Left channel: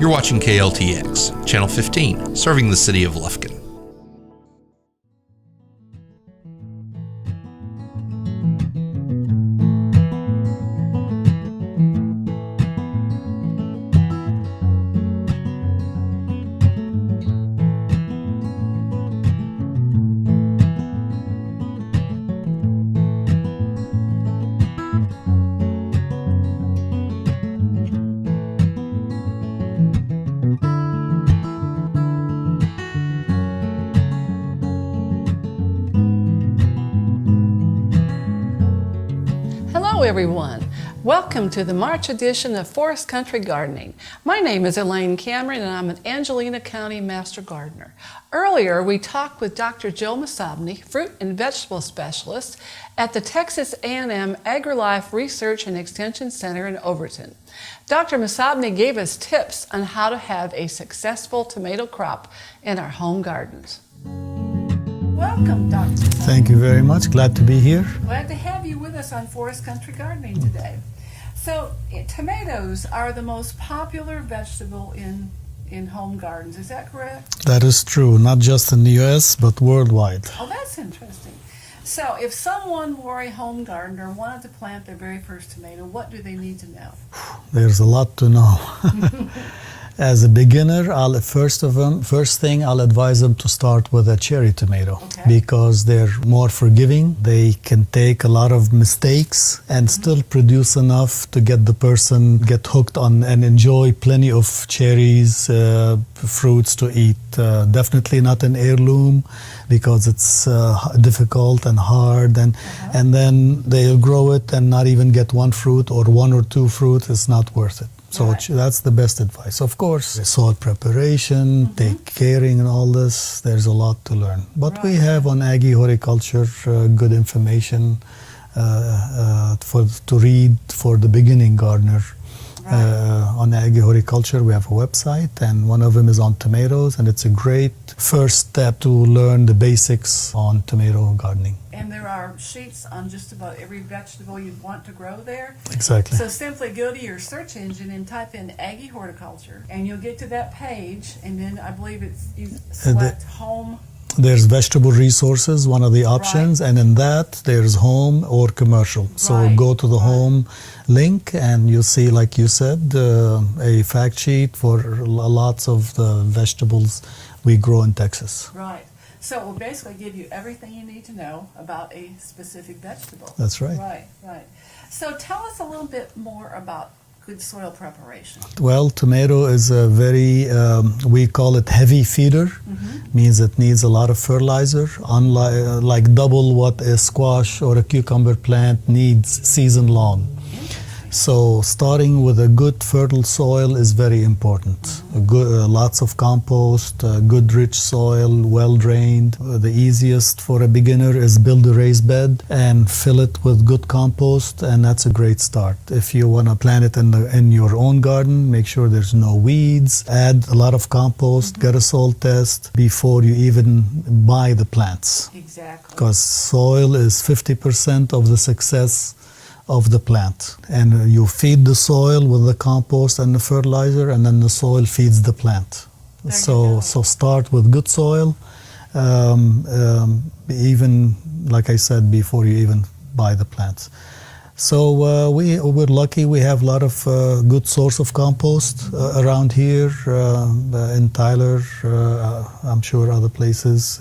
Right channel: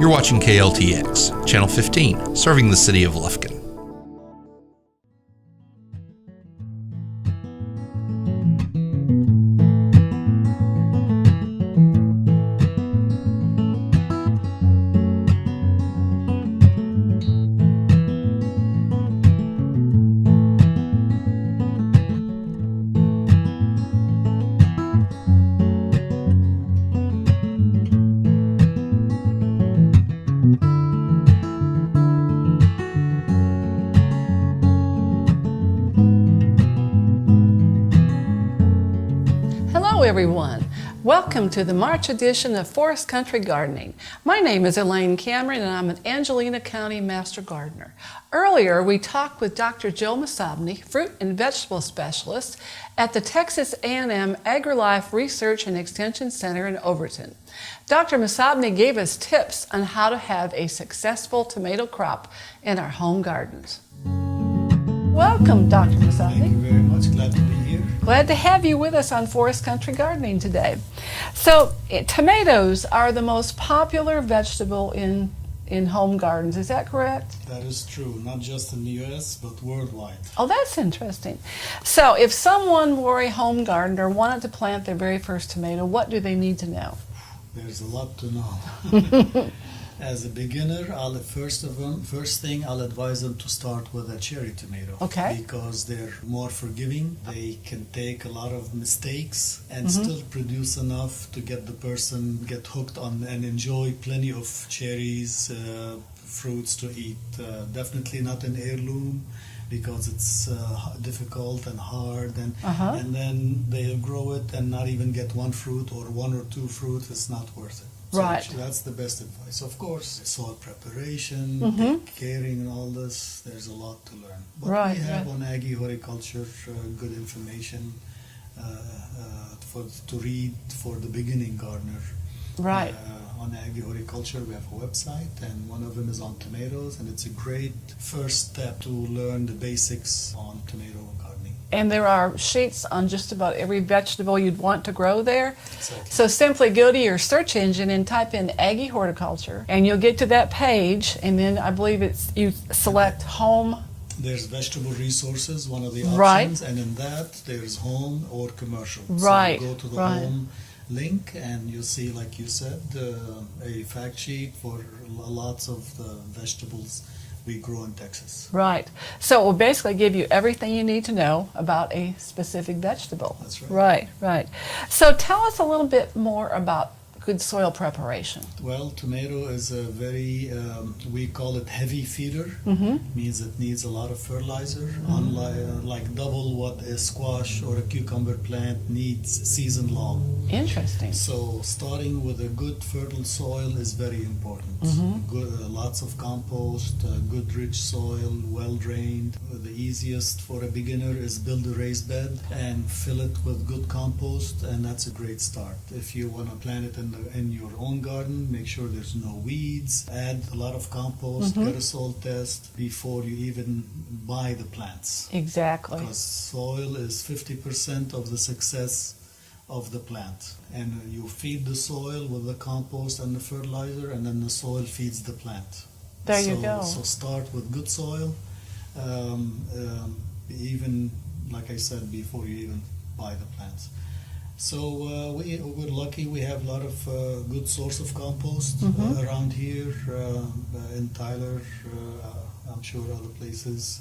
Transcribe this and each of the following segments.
You're watching KLTX, Channel 15, serving the city of Lufkin. Hello everyone. Welcome to the March edition of Forest Country Gardening. My name is Elaine Cameron and I'm an Angelina County Master Gardener. Earlier we talked with Dr. Joe Masabni, fruit and vegetable specialist at the Texas A&M Agrilife Research and Extension Center in Overton. Dr. Masabni gave us tips on how to have a successful tomato crop in our home gardens. Welcome, Dr. Masabni. Thank you very much. Glad to be here. Glad to have you with us on Forest Country Gardening today. So, tomatoes are the most popular vegetable in home gardens. Is that correct? That is true, not just in the U.S., but worldwide. Oh, that's interesting. So, if someone were a home gardener, wanted to plant their very first tomato, what do they need to know? There's a lot to know. As a beginner, first thing I'll advise them to start with a cherry tomato, because they're more forgiving. They can take a lot of mistakes and still produce enough to get the person get hooked on and enjoy plenty of cherries, fruits to eat. Definitely not an heirloom, because it's difficult and hard, and then they'll grow it and not even get one fruit or one or two fruit. It's not worth it. So that's the best advice. Of course, soil preparation, take caring and all this, there's a lot to learn. But we have on Aggie Horticulture good information to read for the beginning gardener. On Aggie Horticulture, we have a website, and one of them is on tomatoes, and it's a great first step to learn the basics on tomato gardening. And there are sheets on just about every vegetable you'd want to grow there. Exactly. So simply go to your search engine and type in Aggie Horticulture, and you'll get to that page, and then I believe you select home. There's vegetable resources, one of the options, and in that there's home or commercial. So go to the home link and you'll see, like you said, a fact sheet for lots of the vegetables we grow in Texas. Right. So it will basically give you everything you need to know about a specific vegetable. That's right. Right. So tell us a little bit more about good soil preparation. Well, tomato is a very, we call it heavy feeder, means it needs a lot of fertilizer, like double what a squash or a cucumber plant needs season long. Interesting. So starting with a good fertile soil is very important. Lots of compost, good rich soil, well drained. The easiest for a beginner is build a raised bed and fill it with good compost, and that's a great start. If you want to plant it in your own garden, make sure there's no weeds. Add a lot of compost, get a soil test before you even buy the plants. Exactly. Because soil is 50% of the success of the plant, and you feed the soil with the compost and the fertilizer, and then the soil feeds the plant. There you go. So start with good soil, even like I said before you even buy the plants. So we're lucky we have a lot of good source of compost around here in Tyler. I'm sure other places.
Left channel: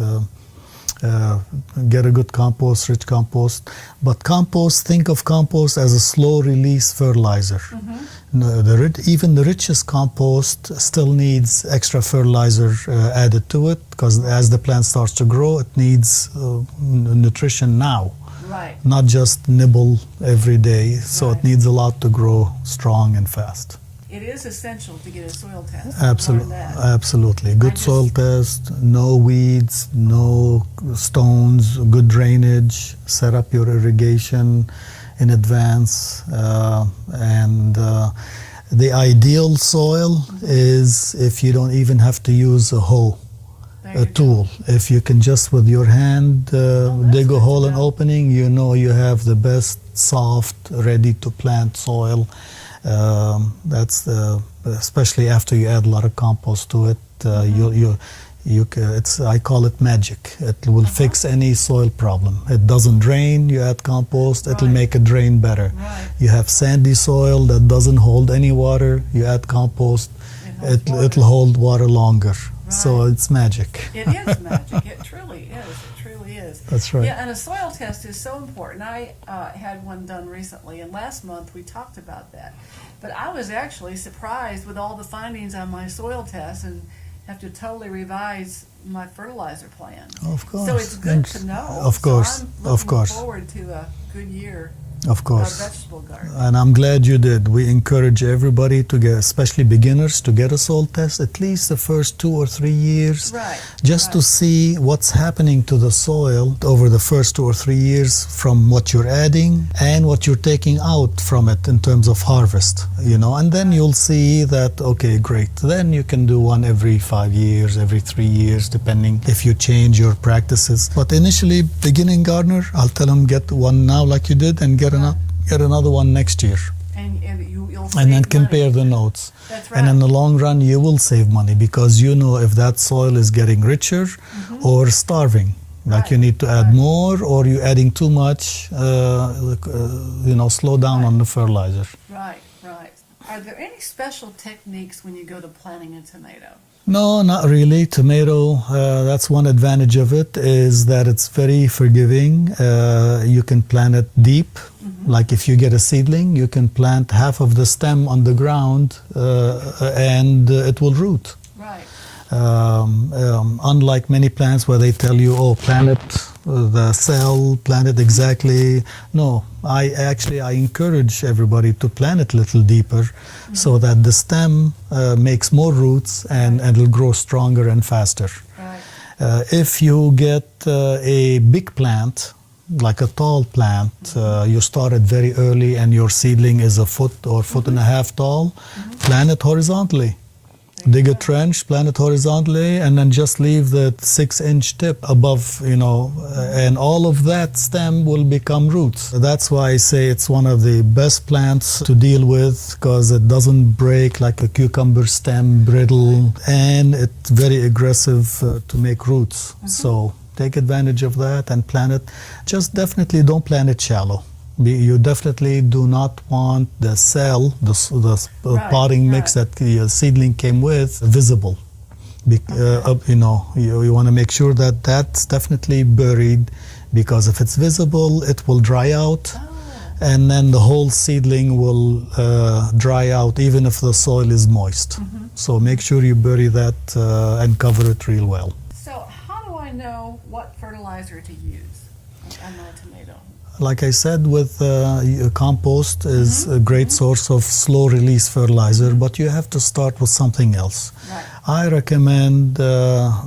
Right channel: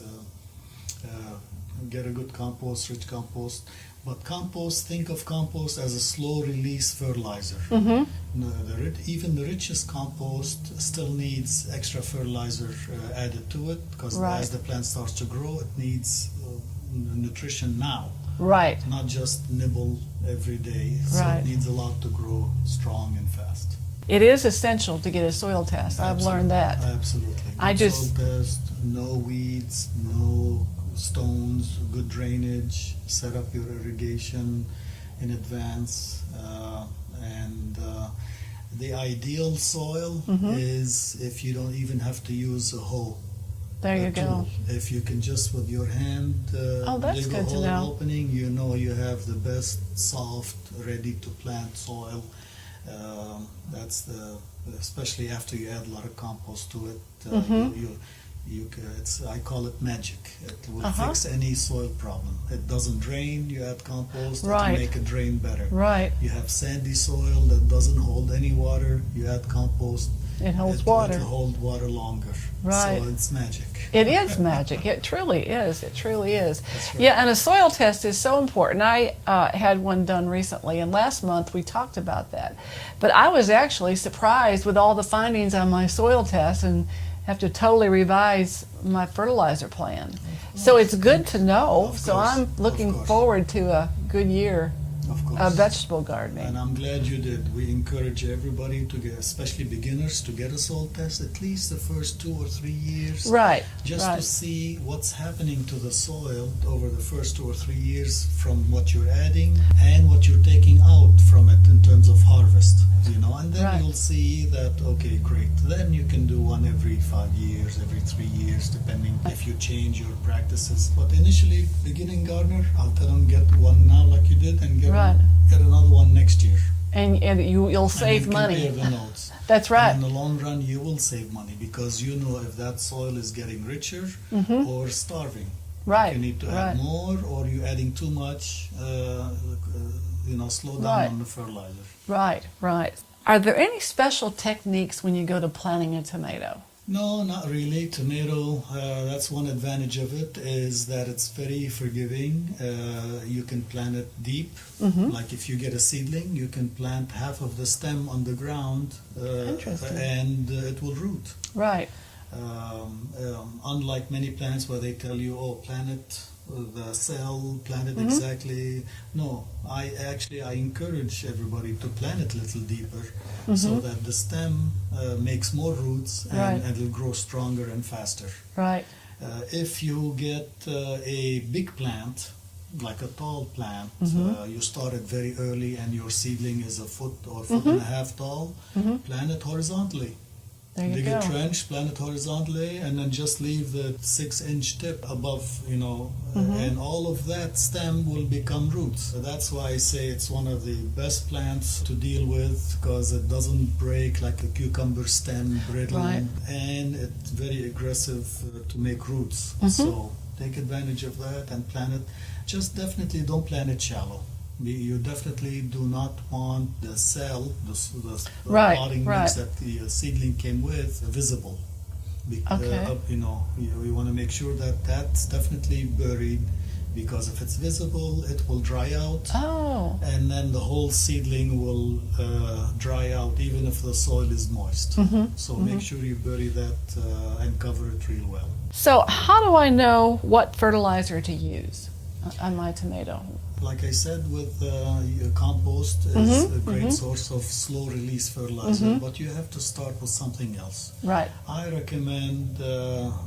Get a good compost, rich compost. But compost, think of compost as a slow release fertilizer. Even the richest compost still needs extra fertilizer added to it, because as the plant starts to grow, it needs nutrition now. Not just nibble every day. So it needs a lot to grow strong and fast. It is essential to get a soil test. Absolutely. I've learned that. Absolutely. Good soil test, no weeds, no stones, good drainage, set up your irrigation in advance. And the ideal soil is if you don't even have to use a hoe, a tool. If you can just with your hand dig a hole and opening, you know you have the best, soft, ready to plant soil. That's especially after you add a lot of compost to it. I call it magic. It will fix any soil problem. It doesn't drain. You add compost, it'll make it drain better. Right. You have sandy soil that doesn't hold any water. You add compost, it'll hold water longer. Right. So it's magic. It is magic. It truly is. It truly is. That's right. Yeah, and a soil test is so important. I had one done recently, and last month we talked about that. But I was actually surprised with all the findings on my soil test and have to totally revise my fertilizer plan. Of course. So it's good to know. Of course. So I'm looking forward to a good year. Of course. Of vegetable gardening. And I'm glad you did. We encourage everybody to get, especially beginners, to get a soil test at least the first 2 or 3 years. Right. Just to see what's happening to the soil over the first 2 or 3 years from what you're adding and what you're taking out from it in terms of harvest, and then you'll see that, okay, great. Then you can do one every 5 years, every 3 years, depending if you change your practices. But initially, beginning gardener, I'll tell them get one now like you did and get another one next year. And you'll save money. money. And then compare the notes. That's right. And in the long run, you will save money because you know if that soil is getting richer or starving. Like you need to add more, or you're adding too much, slow down on the fertilizer. Right. Are there any special techniques when you go to planting a tomato? No, not really. Tomato, that's one advantage of it, is that it's very forgiving. You can plant it deep. Like if you get a seedling, you can plant half of the stem on the ground and it will root. Right. Unlike many plants where they tell you, plant it, the cell, plant it exactly. No, I encourage everybody to plant it a little deeper so that the stem makes more roots and it'll grow stronger and faster. Right. If you get a big plant, like a tall plant, you start it very early and your seedling is a foot or foot and a half tall, plant it horizontally. Dig a trench, plant it horizontally, and then just leave the 6-inch tip above, and all of that stem will become roots. That's why I say it's one of the best plants to deal with because it doesn't break like a cucumber stem, brittle, and it's very aggressive to make roots. So take advantage of that and plant it. Just definitely don't plant it shallow. You definitely do not want the cell, the potting mix that the seedling came with, visible. You want to make sure that that's definitely buried, because if it's visible, it will dry out, and then the whole seedling will dry out, even if the soil is moist. So make sure you bury that and cover it real well. So how do I know what fertilizer to use on my tomato? Like I said, with compost is a great source of slow release fertilizer, but you have to start with something else. Right. I recommend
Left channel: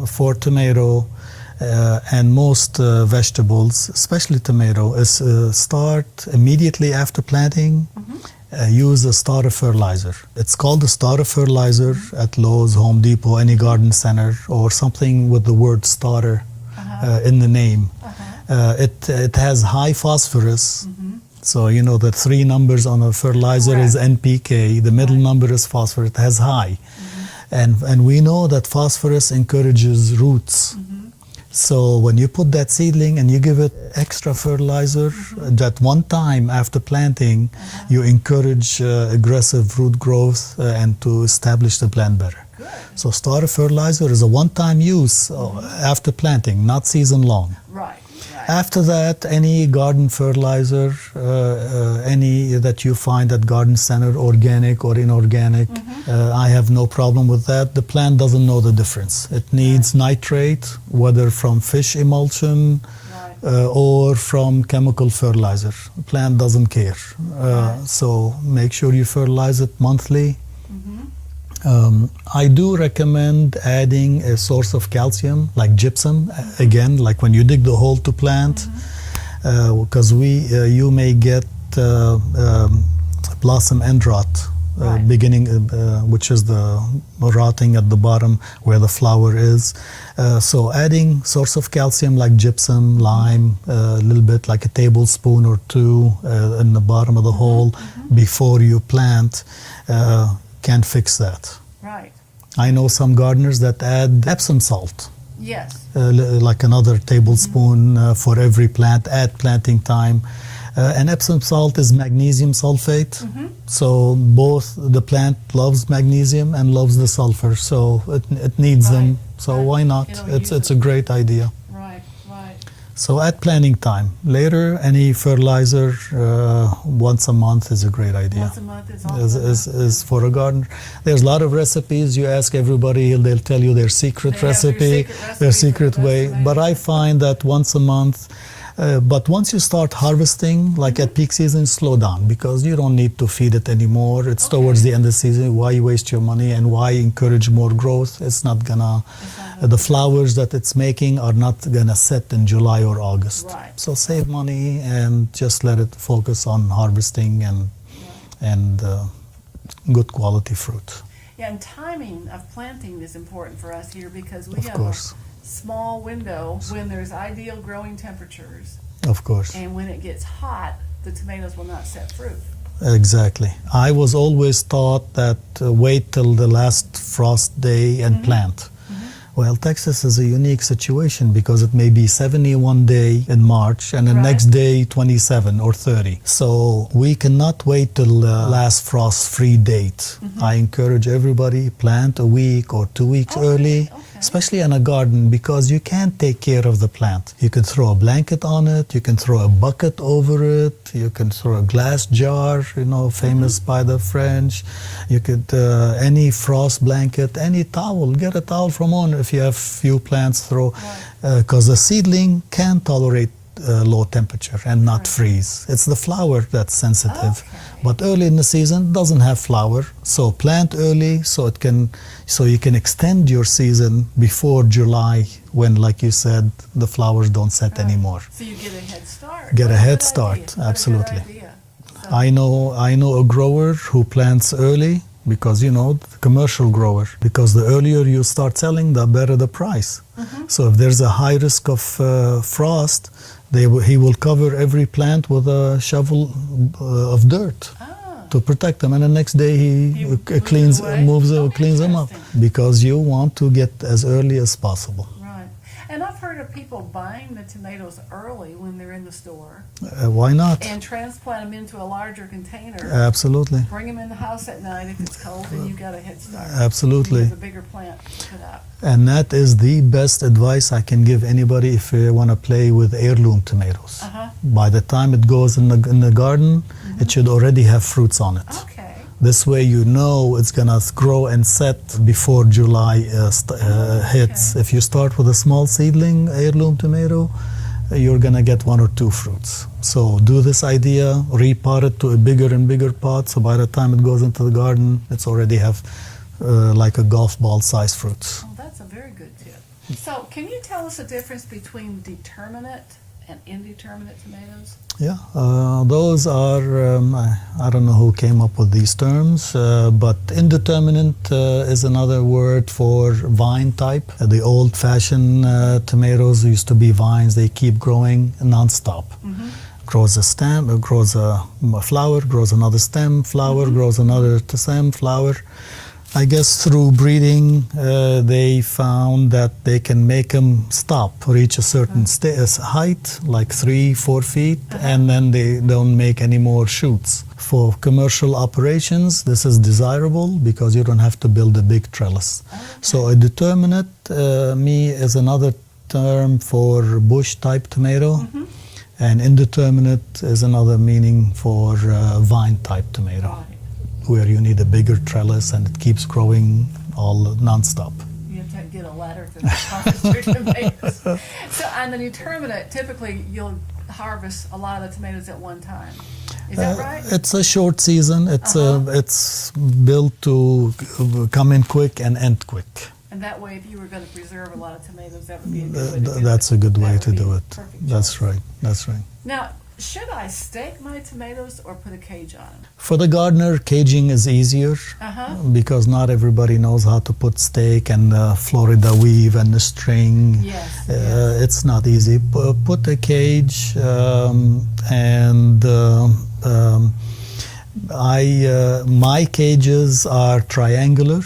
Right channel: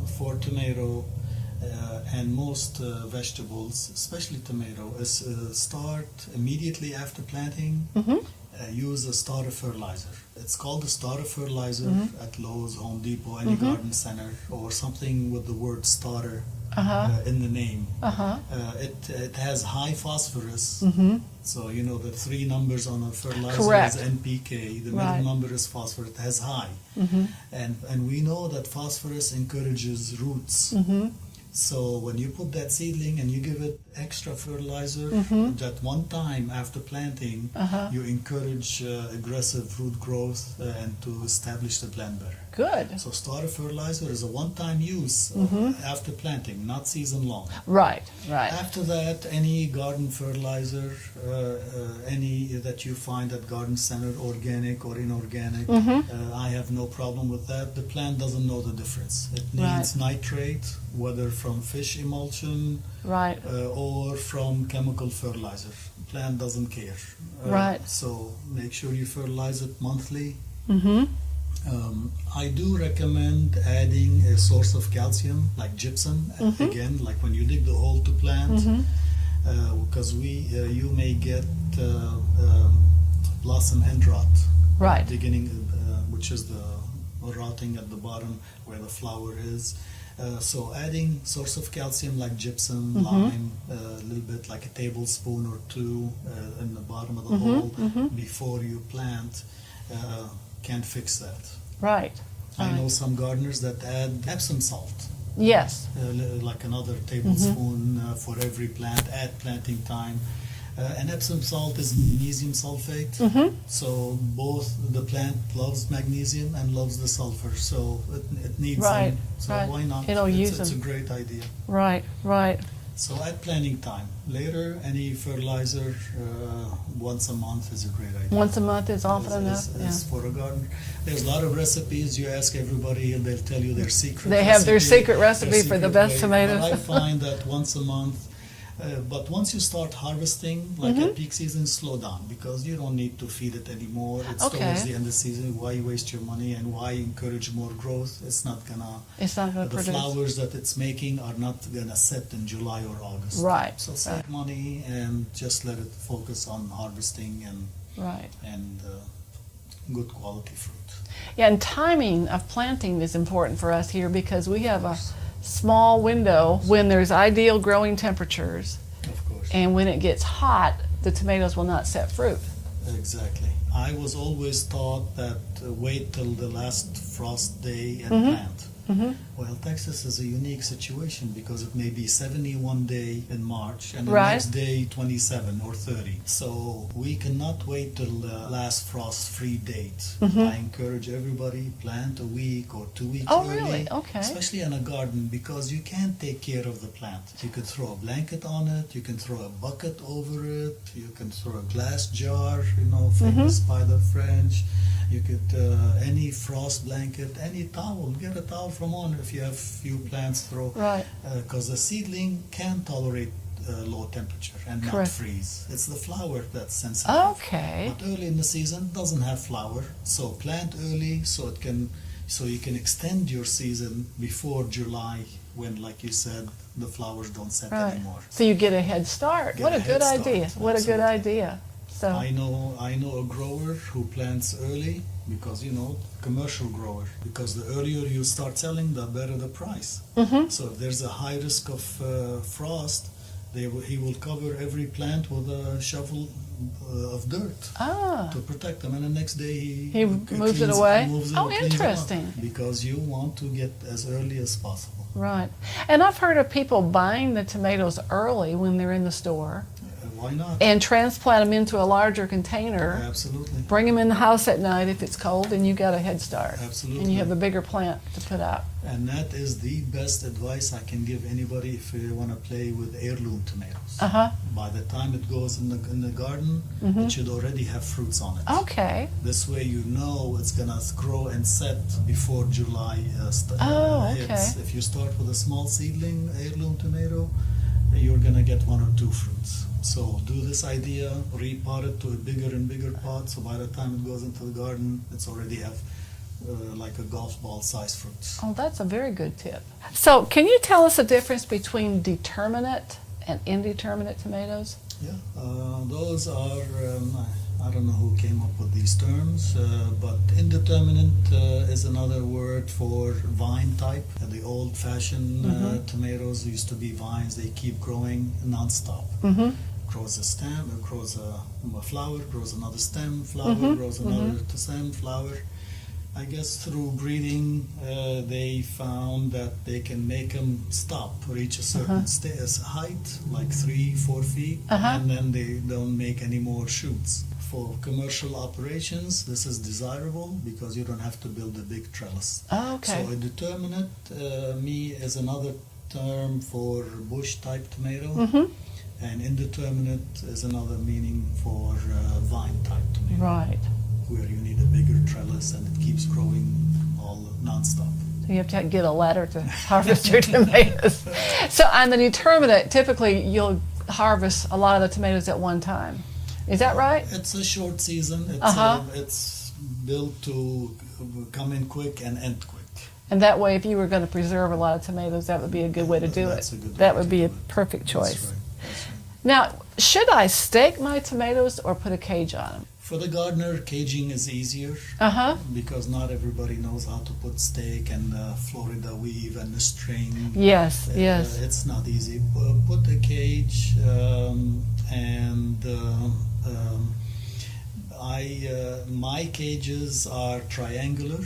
for tomato and most vegetables, especially tomato, is start immediately after planting. Use a starter fertilizer. It's called the starter fertilizer at Lowe's, Home Depot, any garden center, or something with the word starter in the name. It has high phosphorus. So the 3 numbers on a fertilizer is NPK. The middle number is phosphorus. It has high, and we know that phosphorus encourages roots. So when you put that seedling and you give it extra fertilizer, that one time after planting, you encourage aggressive root growth and to establish the plant better. Good. So starter fertilizer is a one-time use after planting, not season long. Right. After that, any garden fertilizer, any that you find at garden center, organic or inorganic, I have no problem with that. The plant doesn't know the difference. It needs nitrate, whether from fish emulsion or from chemical fertilizer. The plant doesn't care. So make sure you fertilize it monthly. I do recommend adding a source of calcium, like gypsum, again, like when you dig the hole to plant, because you may get blossom end rot Right. beginning, which is the rotting at the bottom where the flower is. So adding source of calcium like gypsum, lime, a little bit like a tablespoon or two in the bottom of the hole before you plant can fix that. Right. I know some gardeners that add Epsom salt. Yes. Like another tablespoon for every plant at planting time. And Epsom salt is magnesium sulfate. So both the plant loves magnesium and loves the sulfur. So it needs them. So why not? It's a great idea. Right, right. So at planting time. Later, any fertilizer once a month is a great idea. Once a month is also is for a gardener. There's a lot of recipes. You ask everybody, they'll tell you their secret recipe. They have their secret recipe for the best tomatoes. But I find that once a month. But once you start harvesting, like at peak season, slow down because you don't need to feed it anymore. It's towards the end of the season. Why waste your money and why encourage more growth? It's not gonna. The flowers that it's making are not gonna set in July or August. Right. So save money and just let it focus on harvesting and good quality fruit. Yeah, and timing of planting is important for us here because we have a small window when there's ideal growing temperatures. Of course. And when it gets hot, the tomatoes will not set fruit. Exactly. I was always taught that wait till the last frost day and plant. Well, Texas is a unique situation because it may be 71 day in March and the next day 27 or 30. So we cannot wait till the last frost-free date. I encourage everybody plant a week or 2 weeks early, especially in a garden because you can't take care of the plant. You can throw a blanket on it, you can throw a bucket over it, you can throw a glass jar, famous by the French. You could, any frost blanket, any towel, get a towel from owner if you have few plants throw, because the seedling can tolerate low temperature and not freeze. It's the flower that's sensitive. But early in the season doesn't have flower, so plant early so you can extend your season before July when, like you said, the flowers don't set anymore. So you get a head start. Get a head start. What a good idea. So. I know a grower who plants early because, the commercial grower, because the earlier you start selling, the better the price. So if there's a high risk of frost, he will cover every plant with a shovel of dirt to protect them, and the next day he cleans them up because you want to get as early as possible. Right. And I've heard of people buying the tomatoes early when they're in the store. Why not? And transplant them into a larger container. Absolutely. Bring them in the house at night if it's cold, and you got a head start. Absolutely. You have a bigger plant to put up. And that is the best advice I can give anybody if you want to play with heirloom tomatoes. By the time it goes in the garden, it should already have fruits on it. Okay. This way you know it's going to grow and set before July hits. If you start with a small seedling heirloom tomato, you're going to get 1 or 2 fruits. So do this idea, repot it to a bigger and bigger pot, so by the time it goes into the garden, it's already have like a golf ball size fruits. Oh, that's a very good tip. So can you tell us the difference between determinate and indeterminate tomatoes? Yeah, those are, I don't know who came up with these terms, but indeterminate is another word for vine type. The old-fashioned tomatoes used to be vines. They keep growing non-stop. Grows a stem, grows a flower, grows another stem, flower, grows another stem, flower. I guess through breeding, they found that they can make them stop, reach a certain height, like 3-4 feet, and then they don't make any more shoots. For commercial operations, this is desirable because you don't have to build a big trellis. So a determinate, is another term for bush-type tomato, and indeterminate is another meaning for vine-type tomato. Right. Where you need a bigger trellis and it keeps growing all non-stop. So you have to get a ladder to harvest your tomatoes. So on the determinate, typically you'll harvest a lot of the tomatoes at one time. Is that right? It's a short season. It's built to come in quick and end quick. And that way, if you were going to preserve a lot of tomatoes, that would be a good way to do it. That's a good way to do it. That would be a perfect choice. That's right. That's right. Now, should I stake my tomatoes or put a cage on them? For the gardener, caging is easier because not everybody knows how to put stake and the Florida weave and the string. Yes, It's not easy. Put a cage my cages are triangular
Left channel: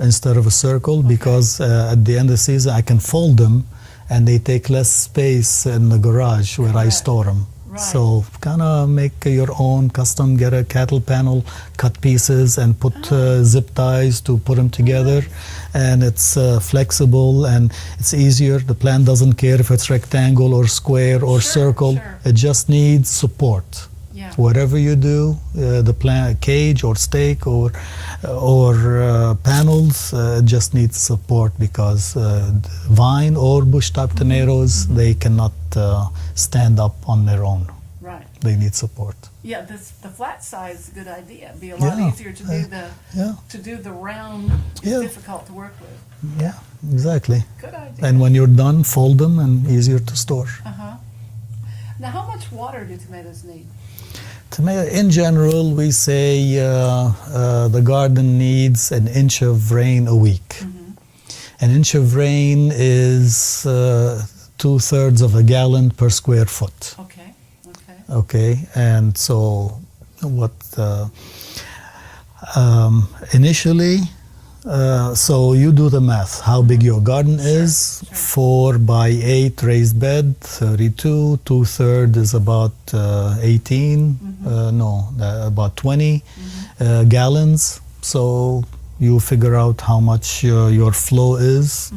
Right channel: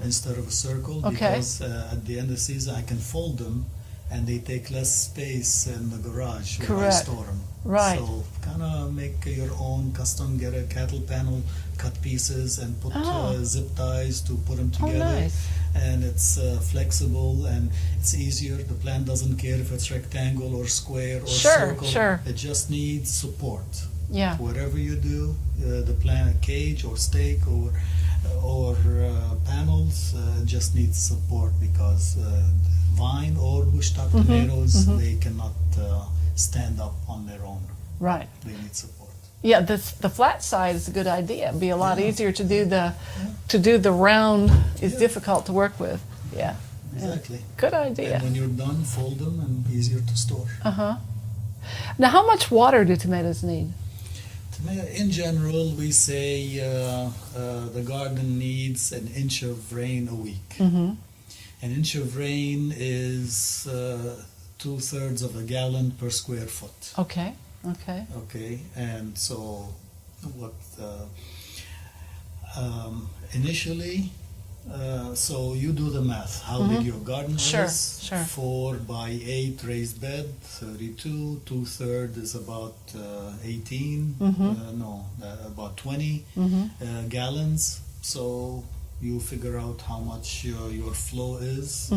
instead of a circle because at the end of the season I can fold them and they take less space in the garage where I store them. Right. So kind of make your own custom, get a cattle panel, cut pieces and put zip ties to put them together. Nice. And it's flexible and it's easier. The plant doesn't care if it's rectangle or square or circle. Sure. It just needs support. Yeah. Whatever you do, the plant cage or stake or panels just needs support because vine or bush type tomatoes they cannot stand up on their own. Right. They need support. Yeah, the flat side is a good idea. It'd be a lot easier to do the round. It's difficult to work with. Yeah. Exactly. Good idea. And when you're done, fold them and easier to store. Now, how much water do tomatoes need? In general, we say the garden needs an inch of rain a week. An inch of rain is 2/3 of a gallon per square foot. Okay. Okay, and so what initially, so you do the math, how big your garden is. 4 by 8 raised bed, 32, 2/3 is about 18, about 20 gallons. So you figure out how much your flow is.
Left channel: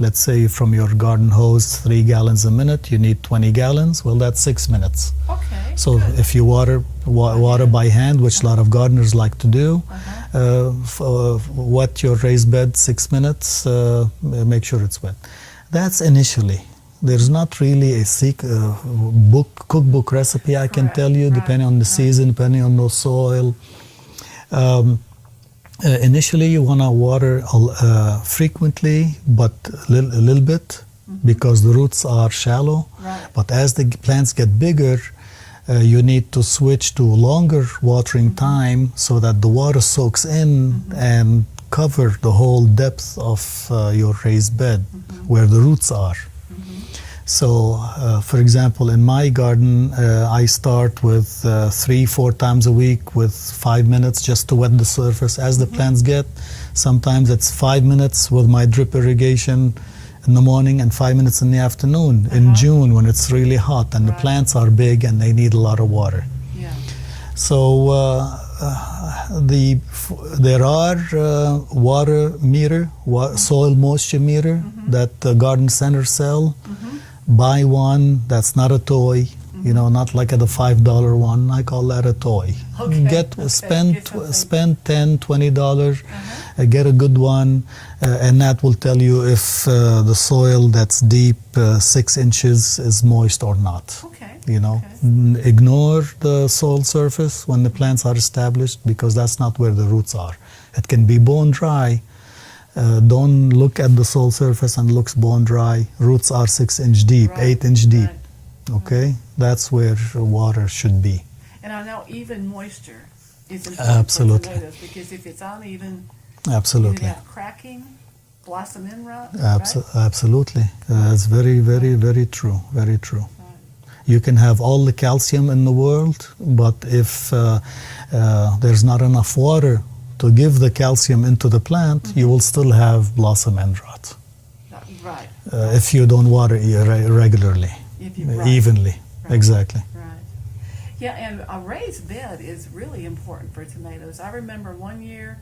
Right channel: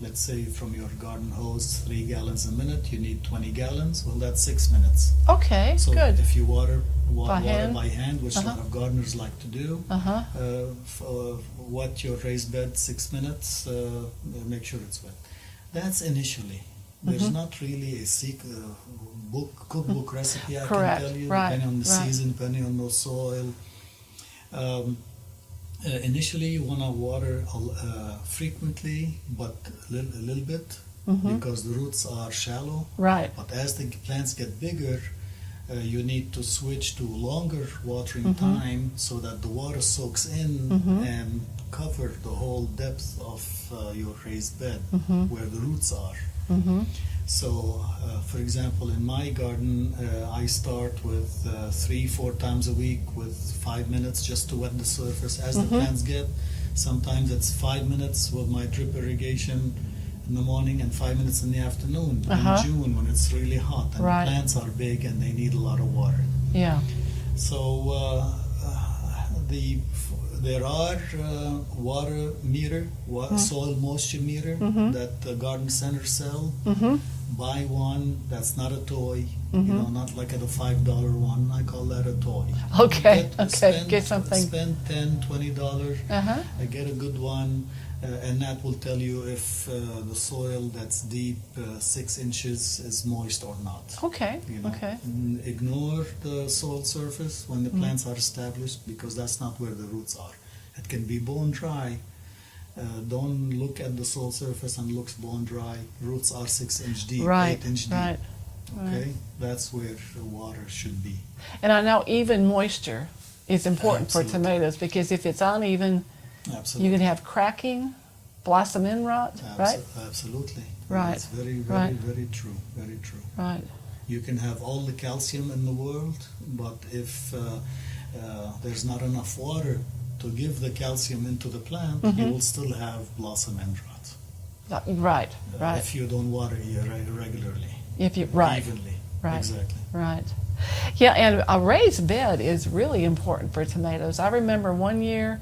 Let's say from your garden hose 3 gallons a minute, you need 20 gallons. Well, that's 6 minutes. Okay, so good. If you water by hand, which a lot of gardeners like to do, wet your raised bed 6 minutes, make sure it's wet. That's initially. There's not really a cookbook recipe I can tell you, depending on the season, depending on the soil. Initially, you want to water frequently, but a little bit, because the roots are shallow. Right. But as the plants get bigger, you need to switch to longer watering time so that the water soaks in and cover the whole depth of your raised bed where the roots are. So, for example, in my garden, I start with 3-4 times a week with 5 minutes just to wet the surface as the plants get. Sometimes it's 5 minutes with my drip irrigation in the morning and 5 minutes in the afternoon in June when it's really hot and the plants are big and they need a lot of water. Yeah. So there are water meter, soil moisture meter that the garden centers sell. Buy one. That's not a toy. You know, not like the $5 one. I call that a toy. Okay. Spend $10, $20. Get a good one, and that will tell you if the soil that's deep 6 inches is moist or not. Okay. You know, ignore the soil surface when the plants are established because that's not where the roots are. It can be bone dry. Don't look at the soil surface and looks bone dry. Roots are 6 inch deep, 8 inch deep. Okay, that's where water should be. And I know even moisture is important for tomatoes because if it's uneven, you can have cracking, blossom end rot. Absolutely, that's very, very true. Very true. Right. You can have all the calcium in the world, but if there's not enough water to give the calcium into the plant, you will still have blossom end rot. Right. If you don't water regularly, evenly. Exactly. Right. Yeah, and a raised bed is really important for tomatoes. I remember one year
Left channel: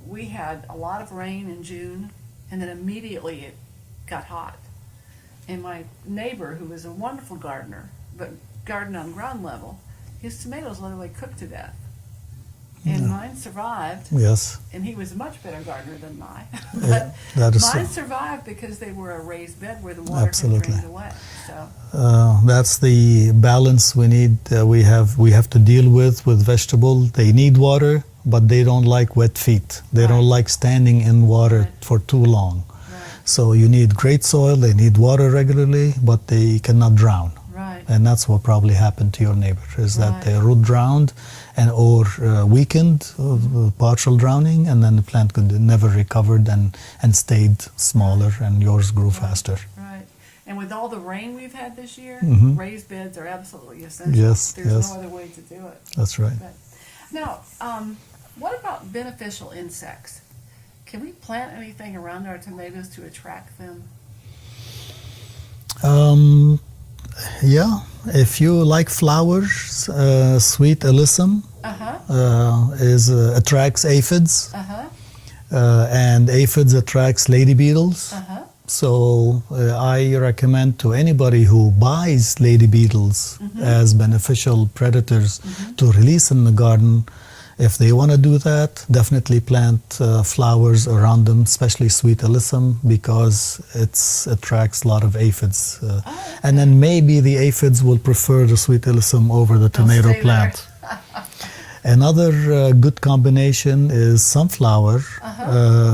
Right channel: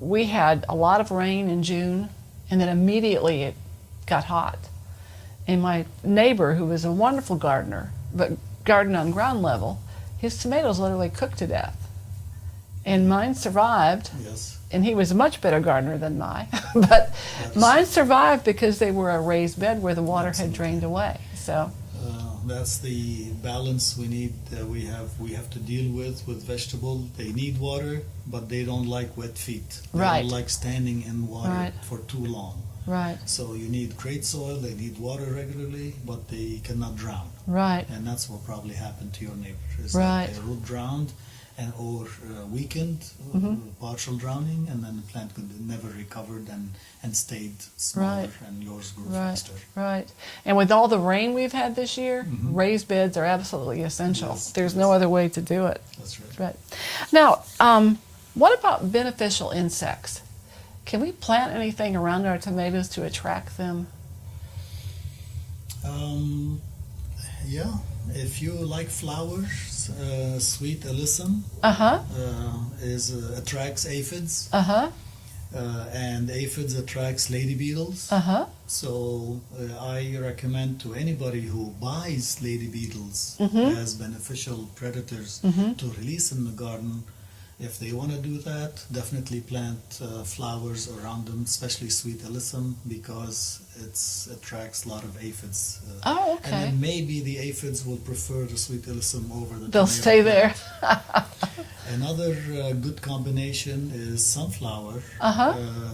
we had a lot of rain in June, and then immediately it got hot. And my neighbor, who was a wonderful gardener, but gardened on ground level, his tomatoes literally cooked to death. And mine survived. Yes. And he was a much better gardener than mine. But mine survived because they were a raised bed where the water had drained away. So that's the balance we need. We have to deal with vegetable. They need water. but they don't like wet feet. They Right. don't like standing in water Right. for too long. Right. So you need great soil, they need water regularly, but they cannot drown. Right. And that's what probably happened to your neighbor, is Right. that the root drowned and or weakened, partial drowning, and then the plant could never recovered and stayed smaller, Right. and yours grew Right. faster. Right. And with all the rain we've had this year, raised beds are absolutely essential. Yes, There's yes. no other way to do it. That's right. Right. Now, what about beneficial insects? Can we plant anything around our tomatoes to attract them? Yeah, if you like flowers, sweet alyssum attracts aphids, and aphids attracts lady beetles. So I recommend to anybody who buys lady beetles as beneficial predators to release in the garden. If they want to do that, definitely plant flowers around them, especially sweet alyssum, because it attracts a lot of aphids. And then maybe the aphids will prefer the sweet alyssum over the They'll tomato stay plant. Another good combination is sunflower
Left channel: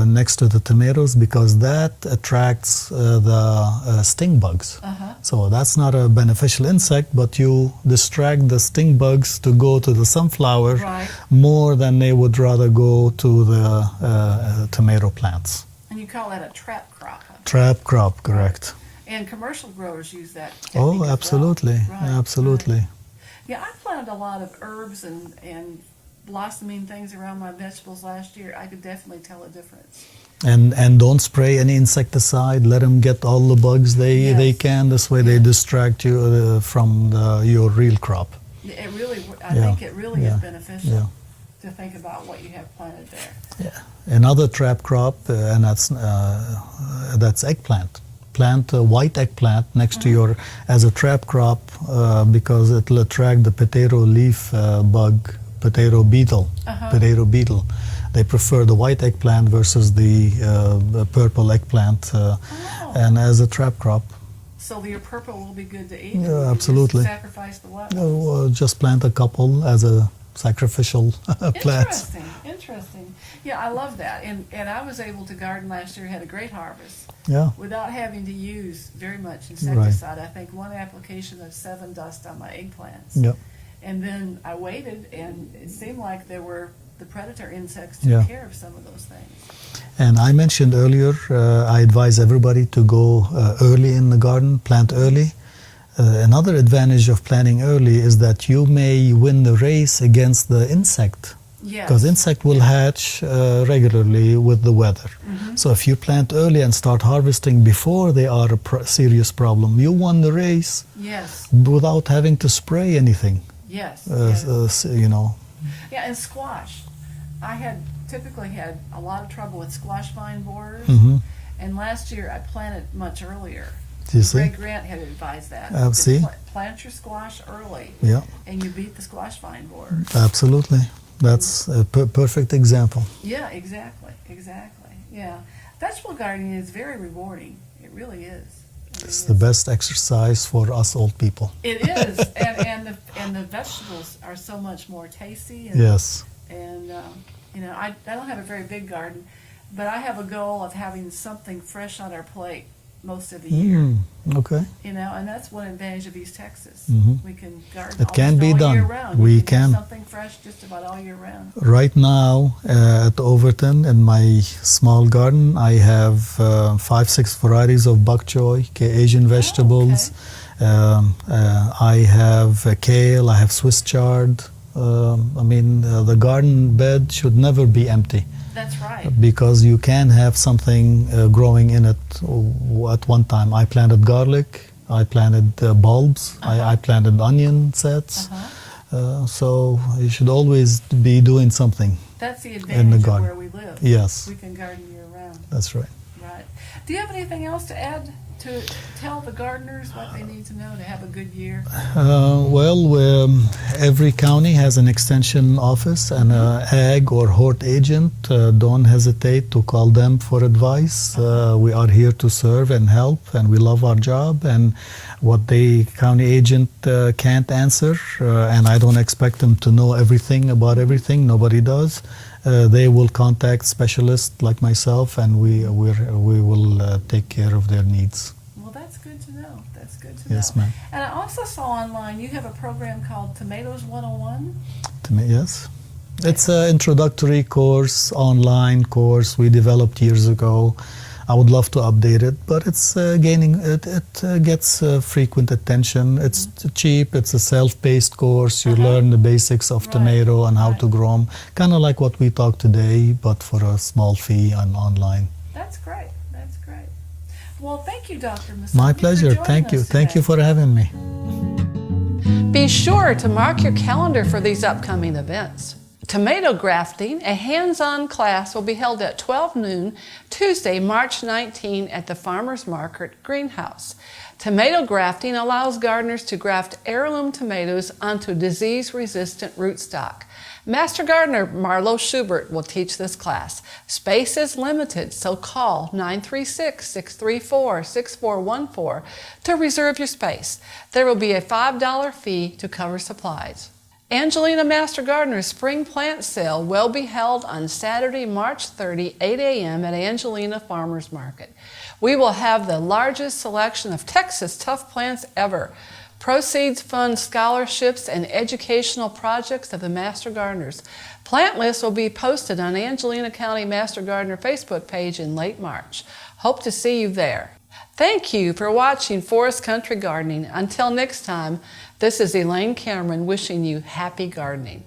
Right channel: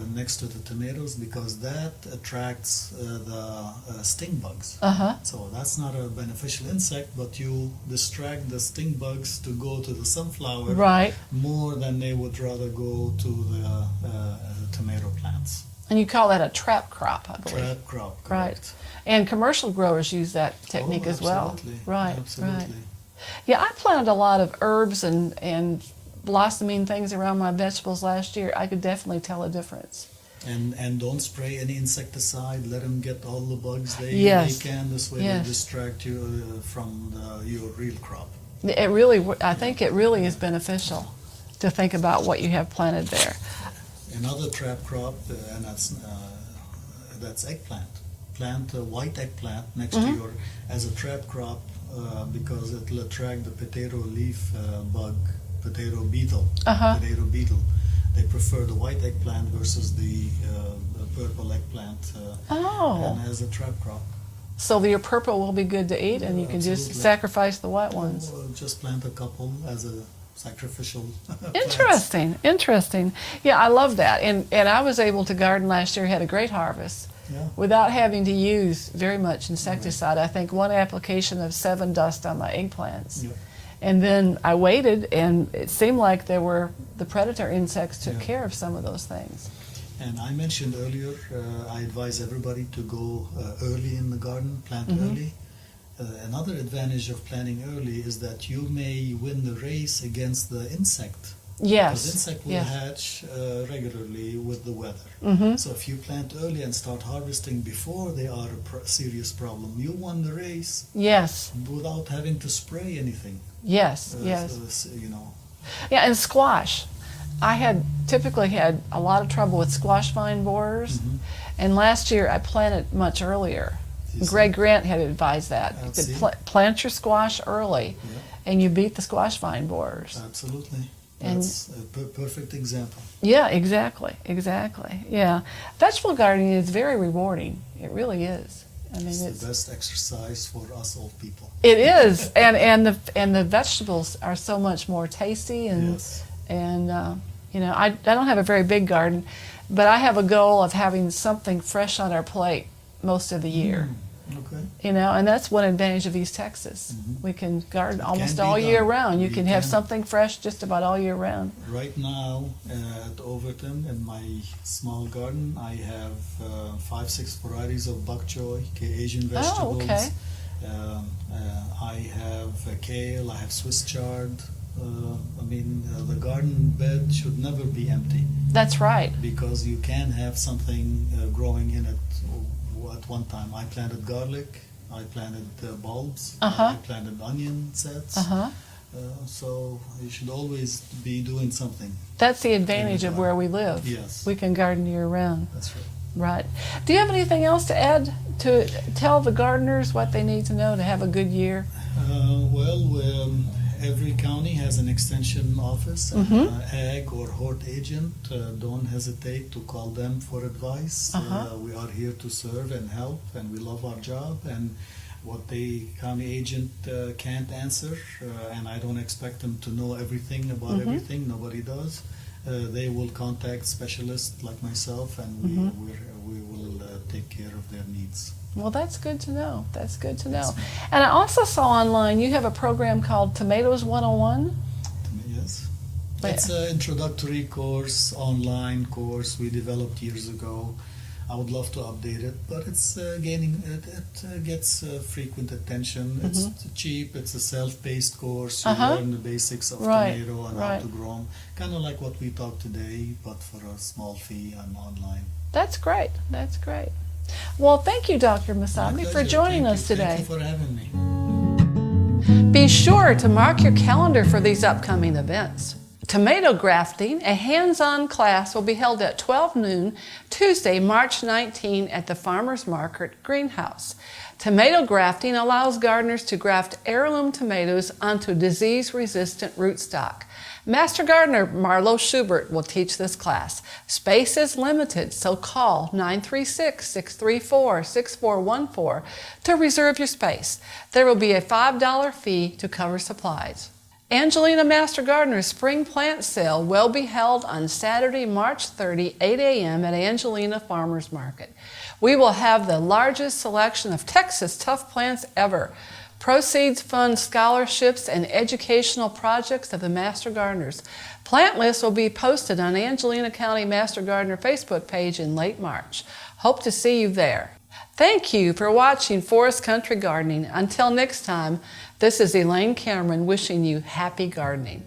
next to the tomatoes, because that attracts the sting bugs. So that's not a beneficial insect, but you distract the sting bugs to go to the sunflower Right. more than they would rather go to the tomato plants. And you call that a trap crop, I believe. Trap crop, correct. Right. And commercial growers use that technique Oh, as absolutely, well. Right. absolutely. Right. Yeah, I planted a lot of herbs and blossoming things around my vegetables last year. I could definitely tell a difference. And don't spray any insecticide. Let them get all the bugs they can. This way they Yes. distract you from your real crop. It really, I think it really is Yeah. beneficial to think about what you have planted there. Another trap crop, and that's eggplant. Plant a white eggplant next to your as a trap crop because it will attract the potato leaf bug, potato beetle. Potato beetle. They prefer the white eggplant versus the purple eggplant, and as a trap crop. So your purple will be good to eat, and Yeah, you can absolutely. just sacrifice the white ones. Well, just plant a couple as a sacrificial plant. Interesting, interesting. Yeah, I love that. And I was able to garden last year, had a great harvest, Yeah. without having to use very much insecticide. I think one application of 7 dust on my eggplants. Yep. And then I waited, and it seemed like the predator insects took Yeah. care of some of those things. And I mentioned earlier, I advise everybody to go early in the garden, plant early. Another advantage of planting early is that you may win the race against the insect. Yes. Because insect will hatch regularly with the weather. So if you plant early and start harvesting before they are a serious problem, you won the race Yes. without having to spray anything. Yes. Yes. You know. Yeah, and squash. I had typically had a lot of trouble with squash vine borers, and last year I planted much earlier. You see? Greg Grant had advised that. See? Plant your squash early, Yeah. and you beat the squash vine borers. Absolutely. That's a perfect example. Yeah, exactly, exactly. Yeah, vegetable gardening is very rewarding. It really is. I mean, It's the best exercise for us old people. It is, and the vegetables are so much more tasty. And, Yes. And you know, I don't have a very big garden, but I have a goal of having something fresh on our plate most of the year. Okay. You know, and that's one advantage of East Texas. We can garden It can almost be all done. year round. We You can have can. something fresh just about all year round. Right now at Overton in my small garden, I have 5-6 varieties of bok choy, Asian vegetables. I have kale, I have Swiss chard. I mean, the garden bed should never be empty. That's right. Because you can have something growing in it at one time. I planted garlic, I planted bulbs, I planted onion sets. So you should always be doing something. That's the advantage of garden. where we live. Yes. We can garden year round. That's right. Right. Do you have anything else to add to tell the gardeners what they need to know to have a good year? Every county has an extension office and an ag or hort agent. Don't hesitate to call them for advice. We are here to serve and help, and we love our job. And what the county agent can't answer, and I don't expect them to know everything about everything. Nobody does. They will contact specialists like myself, and we will take care of their needs. Well, that's good to know. That's good to Yes, know. ma'am. And I also saw online you have a program called Tomatoes 101. Yes. It's an introductory course, online course we developed years ago. I would love to update it, but it's gaining, it gets frequent attention. It's cheap, it's a self-paced course. You learn the basics of tomato and how to grow them. Kind of like what we talked today, but for a small fee and online. That's great. That's great. Well, thank you, Dr. Masabni, My pleasure. for joining Thank you. us today. Thank you for having me. Be sure to mark your calendar for these upcoming events. Tomato grafting, a hands-on class, will be held at 12 noon, Tuesday, March 19 at the Farmers Market Greenhouse. Tomato grafting allows gardeners to graft heirloom tomatoes onto disease-resistant rootstock. Master Gardener Marlo Schubert will teach this class. Space is limited, so call 936-634-6414 to reserve your space. There will be a $5 fee to cover supplies. Angelina Master Gardener's Spring Plant Sale will be held on Saturday, March 30, 8 a.m. at Angelina Farmers Market. We will have the largest selection of Texas tough plants ever. Proceeds fund scholarships and educational projects of the Master Gardeners. Plant lists will be posted on Angelina County Master Gardener Facebook page in late March. Hope to see you there. Thank you for watching Forest Country Gardening. Until next time, this is Elaine Cameron wishing you happy gardening.